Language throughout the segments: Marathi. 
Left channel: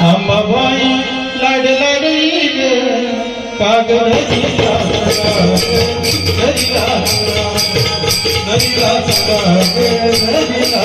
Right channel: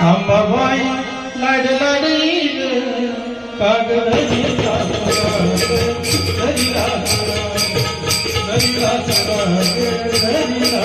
हम भाई लड़ लड़ी काग नरिया नरिया नरिया नरिया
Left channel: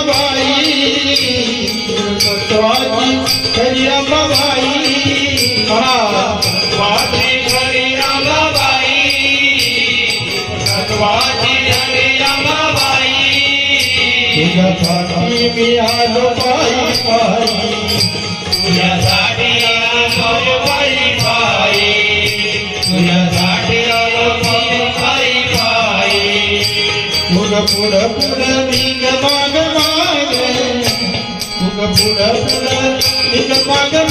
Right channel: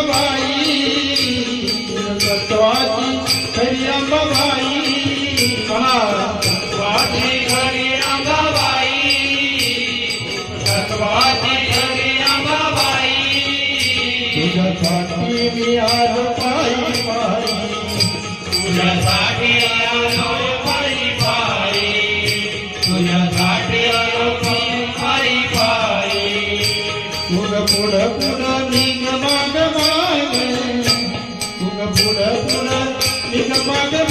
तुझ्यासाठी मी आज पायी पायी तुझ्यासाठी आज पायी पायी तुझ्यासाठी आज मी माग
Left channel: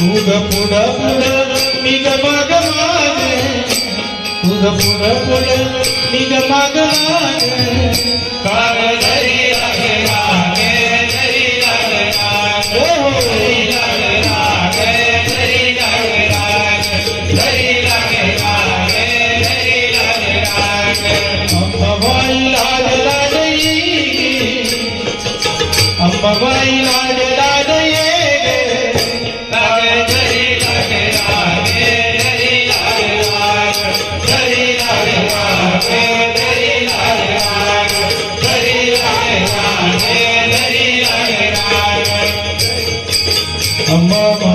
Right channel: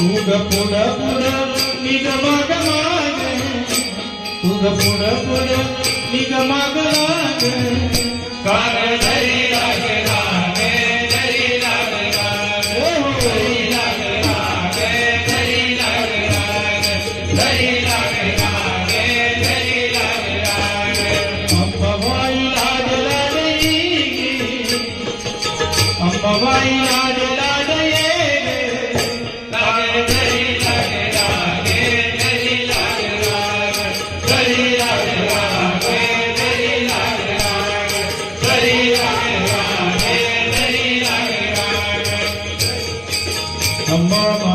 तुग पुढ पुढ निग माग माग. तुग पुढ पुढ निग I'm